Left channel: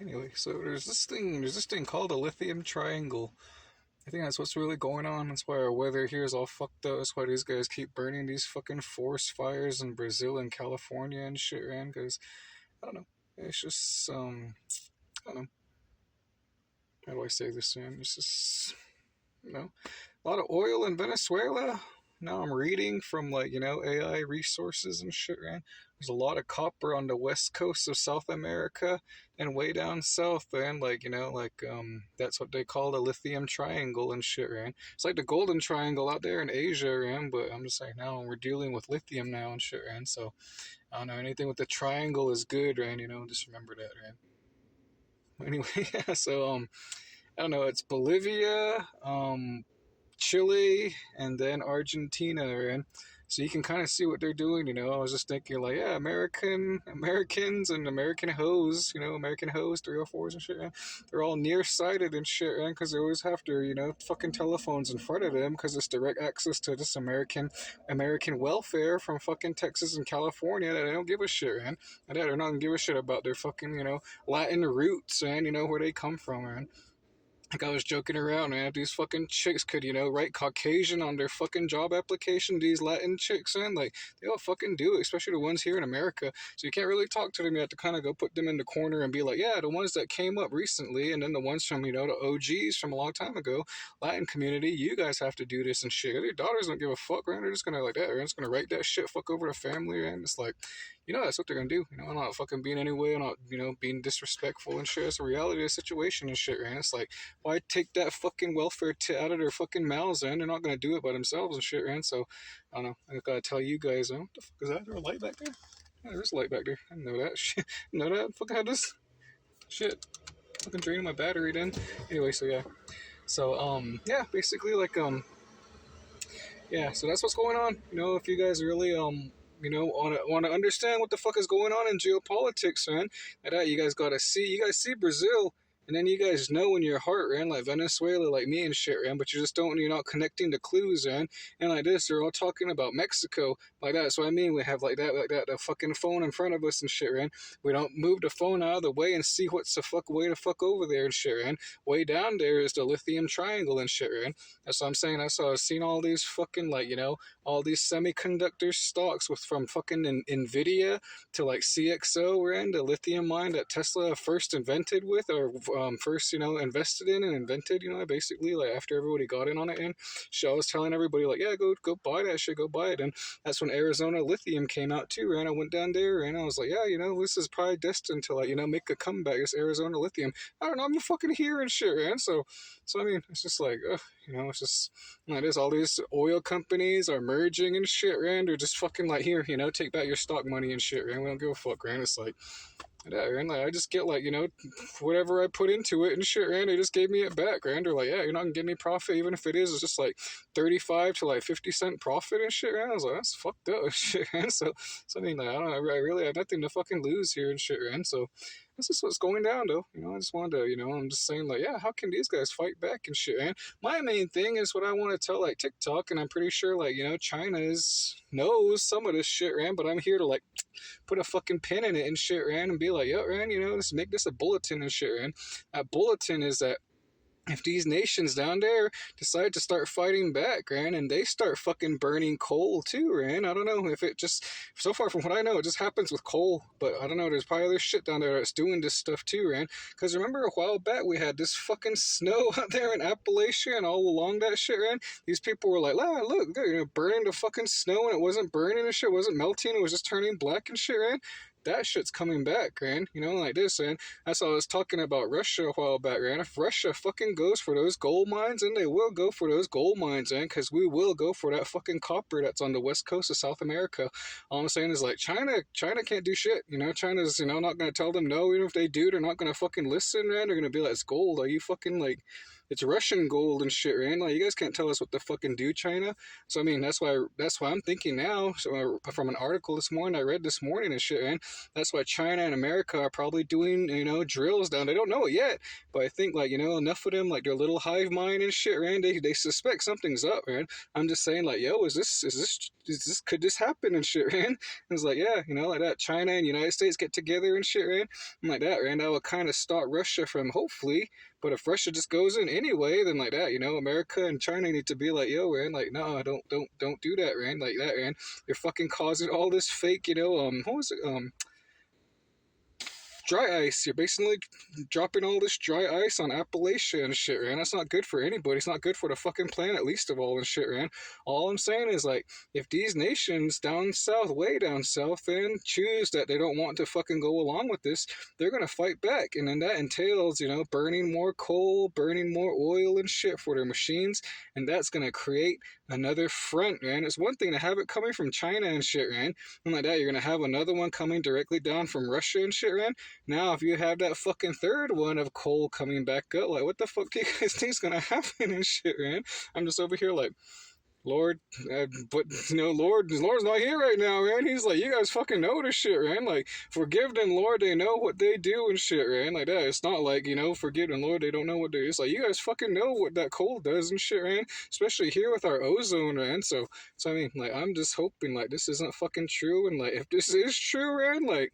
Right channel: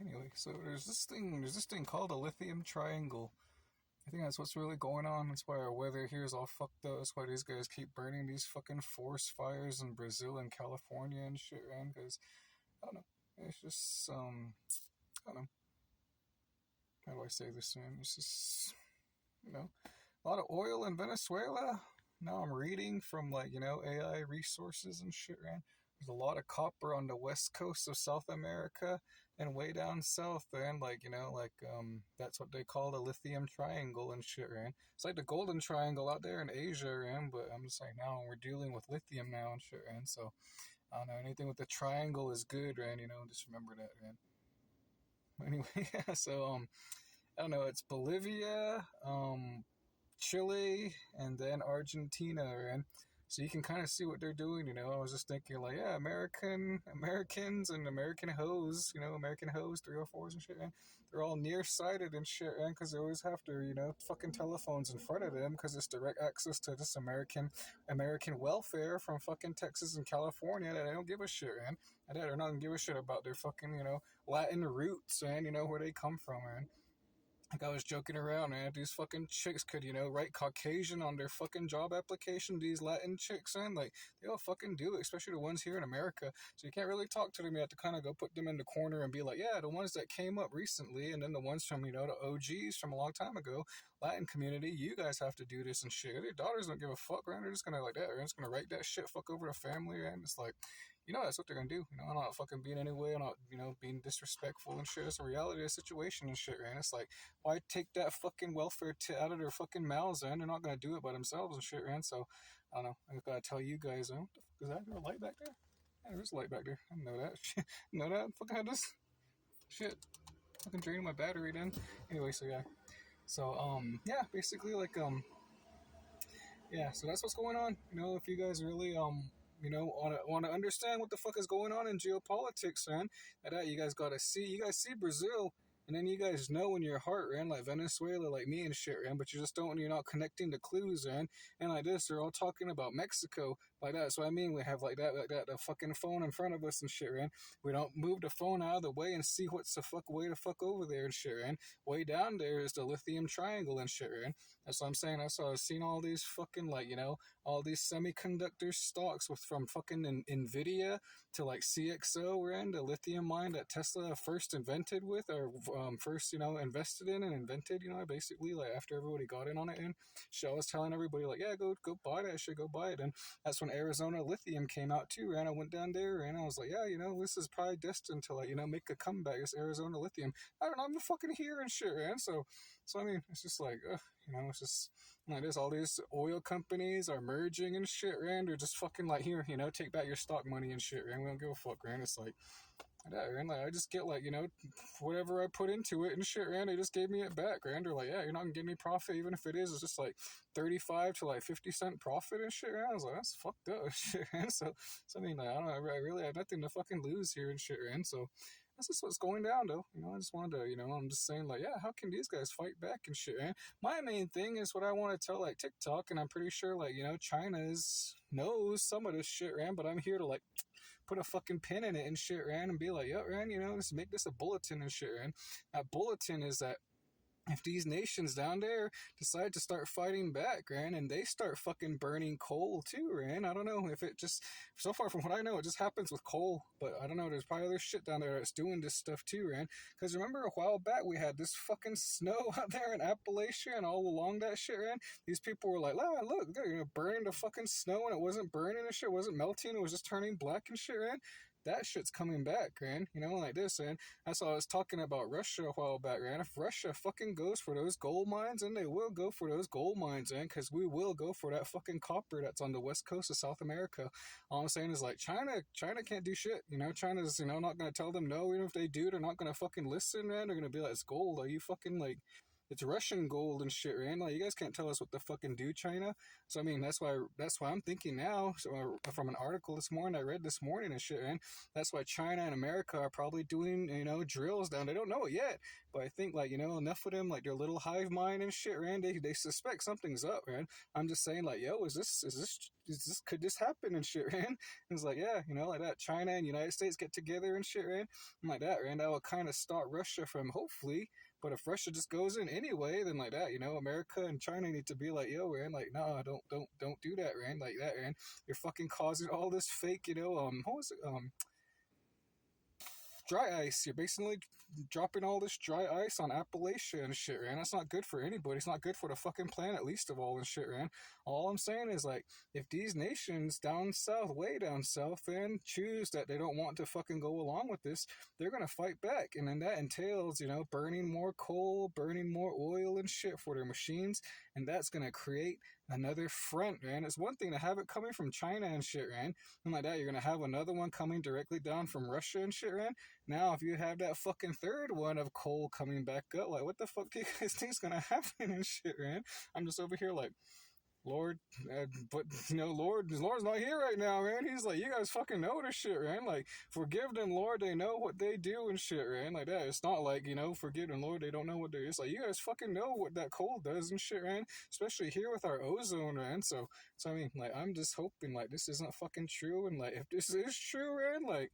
Anyway, so there's this thing called a lithium triangle. I think that's what's really going on. That's why our weather here is all fucked up. That's why these guys keep burning these fucking forest fires in Brazil and California and shit, man. Because I don't know. It's just I don't know. How do I say this, man? It's just a lot of oil in Venezuela. Now I'm reading from AI resources and shit, man. There's a lot of copper on the west coast of South America and way down south, man. That's what they call the lithium triangle and shit, man. It's like the golden triangle out there in Asia, man. But I'm just like now we're dealing with lithium now and shit, man. So I don't know, anything with the triangle is good, man. Just remember that, man. Anyway, yeah. So I don't know. It's Bolivia, Chile, and then Argentina, right? So you can kind of see what they're doing. I was just thinking like, yeah, Americans and American hoes, American hoes, 304s and shit, man. They're all nearsighted and shit, man, because they always have their, fucking telephones in front of them because it's direct access to this American welfare from fucking Texas and California that they don't give a shit, man. And they're not gonna give a shit about their fucking, Latin roots, and where they come from, man. Like I was joking around, man. These fucking chicks could, write Caucasian on their fucking job application. These Latin chicks, man, like they all fucking do it, especially the ones here in America. So you can't really talk to them. You have to kind of go put them in the corner and be like, yeah, the ones that came up recently, and then the ones from, the OGs from a long time ago, Latin community. You guys have to do this and shit. Your daughters don't give a fuck, man. They're just gonna like that. They're just gonna write that shit, fuck over the family, man. It's like, that's what they're gonna do. I'm not fucking being any way. I'm not, being disrespectful and shit. It's a reality of the situation and shit, man. It's like, why take that fucking welfare out of their fucking mouths, and they're not gonna do it by themselves and shit, man. So I don't know. I gotta tell you guys, what the fuck is that? Is there a light back there? Yeah, there's a light back there. I didn't know that. Shit, know that? Fucking had this shit. Fucking draining my battery then. Anyway, so yeah. So yeah, basically yeah. So that's what's going on. If you guys really want to understand what the fuck is going on in geopolitics, man. Like that, you guys gotta see. You guys see Brazil, and then you guys know in your heart, man, like Venezuela, like me and shit, man. But you just don't. You're not connecting the clues, man. And like this, they're all talking about Mexico, like that. So I mean, we have like that, the fucking phone in front of us and shit, man. We don't move the phone out of the way and see what's the fuck way the fuck over there and shit, man. Way down there is the lithium triangle and shit, man. That's what I'm saying. I've seen all these fucking all these semiconductor stocks from fucking Nvidia to like CXO, ran the lithium mine that Tesla first invented with, or first invested in and invented. Basically like after everybody got in on it. And so I was telling everybody like, yeah, go buy that shit, go buy it. And that's when Arizona Lithium came out too. And I went down there and I was like, yeah, this is probably destined to make a comeback. This Arizona Lithium. I don't know, I'm fucking here and shit, man. So I mean, it's just like, it's just like this. All these oil companies are merging and shit, Rand. They're just fucking like, here, take back your stock money and shit, Rand. We don't give a fuck, Rand. It's like, yeah, Rand, like, I just get whatever I put into it and shit, Rand. They just gave me it back, Rand. They're like, yeah, you're not gonna give me profit, even if it's just like 35 to like 50 cent profit and shit, Rand. I was like, that's fucked up, shit, Rand. So I mean, like, I don't know, I really have nothing to fucking lose here and shit, Rand. So that's just what's going down, though. I just wanted to, I'm just saying, like, yeah, how can these guys fight back and shit, man? My main thing is what I want to tell, like, TikTok, and I'm pretty sure, like, China knows some of this shit, man, but I'm here to, like, put a fucking pin in it and shit, man, and be like, yo, man, let's make this a bulletin and shit, man. That bulletin is that if these nations down there decide to start fighting back, Ran, and they start fucking burning coal too, Ran, I don't know if it just, so far from what I know, it just happens with coal, but I don't know, there's probably other shit down there that's doing this stuff too, Ran, because remember a while back we had this fucking snow out there in Appalachia and all along that shit, Ran, these people were like, ah, look, burning the fucking snow, and it wasn't burning and shit, it wasn't melting, it was just turning black and shit, Ran. That shit's coming back, man. Like this, man. That's all I was talking about Russia a while back, man. If Russia fucking goes for those gold mines, and they will go for those gold mines, man, because we will go for that fucking copper that's on the west coast of South America. All I'm saying is, like, China can't do shit. China's, not going to tell them no. Even if they do, they're not going to fucking listen, man. They're going to be like, it's gold. Are you fucking, like, it's Russian gold and shit, man. Like you guys can't tell us what to fucking do, China. So I mean, that's why I'm thinking now. So from an article this morning I read this morning and shit, man. That's why China and America are probably doing drills down. They don't know it yet, but I think like enough of them like their little hive mind and shit, man. They suspect something's up, man. I'm just saying like, yo, is this could this happen and shit, man? It's like, yeah, like that. China and United States get together and shit, man. I'm like that, man. That would kind of stop Russia from hopefully. But if Russia just goes in anyway, then like that, America and China need to be like, yo, man, like, no, don't do that, man, like that, man. You're fucking causing all this fake, what was it, dry ice. You're basically dropping all this dry ice on Appalachia and shit, man. That's not good for anybody. It's not good for the fucking planet, least of all, and shit, man. All I'm saying is, like, if these nations down south, way down south, then choose that they don't want to fucking go along with this, they're gonna fight back. And then that entails, burning more coal, burning more oil and shit for their machines. And that's gonna create another front, man. It's one thing to have it coming from China and shit, man. And like that, you're gonna have another one coming directly down from Russia and shit, man. Now, if you have that fucking third one of coal coming back up, like, what the fuck do you guys think's gonna happen and shit, man? I'm just over here like, Lord, but Lord's not here right now, man. He's like, you guys fucking know this shit, man. Like, forgive them, Lord. They know what they do and shit, man. Like that. It's not like forgive them, Lord. They don't know what they do. It's like you guys fucking know what that coal does and shit, man. Especially here with our ozone, man. So I mean, like, I'm just hoping like this isn't fucking true, and like if this is true, man, like.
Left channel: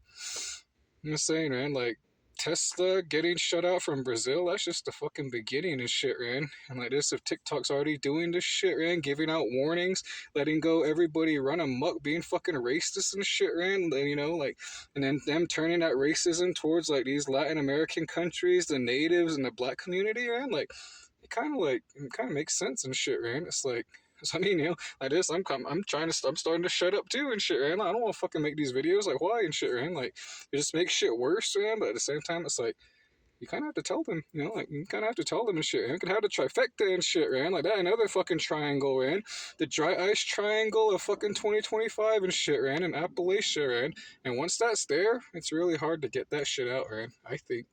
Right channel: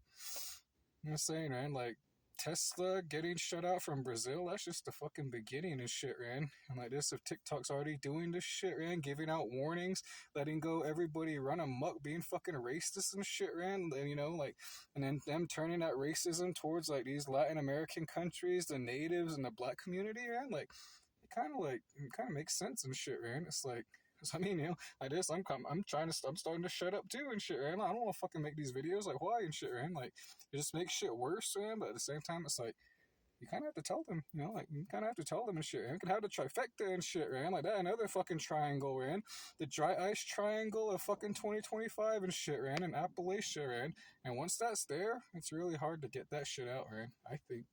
I'm just saying, man, like, Tesla getting shut out from Brazil, that's just the fucking beginning and shit, man. And like this, if TikTok's already doing this shit, man, giving out warnings, letting go everybody run amok, being fucking racist and shit, man, and, like, and then them turning that racism towards, like, these Latin American countries, the natives, and the black community, man, like, it kind of makes sense and shit, man. It's like, so I mean, like this, I'm starting to shut up too and shit, man. I don't want to fucking make these videos, like, why and shit, man. Like, it just makes shit worse, man. But at the same time, it's like you kind of have to tell them, like you kind of have to tell them and shit. Man. You could have the trifecta and shit, man. Like that, another fucking triangle, man. The dry ice triangle of fucking 2025 and shit, man. And Appalachia, man. And once that's there, it's really hard to get that shit out, man. I think.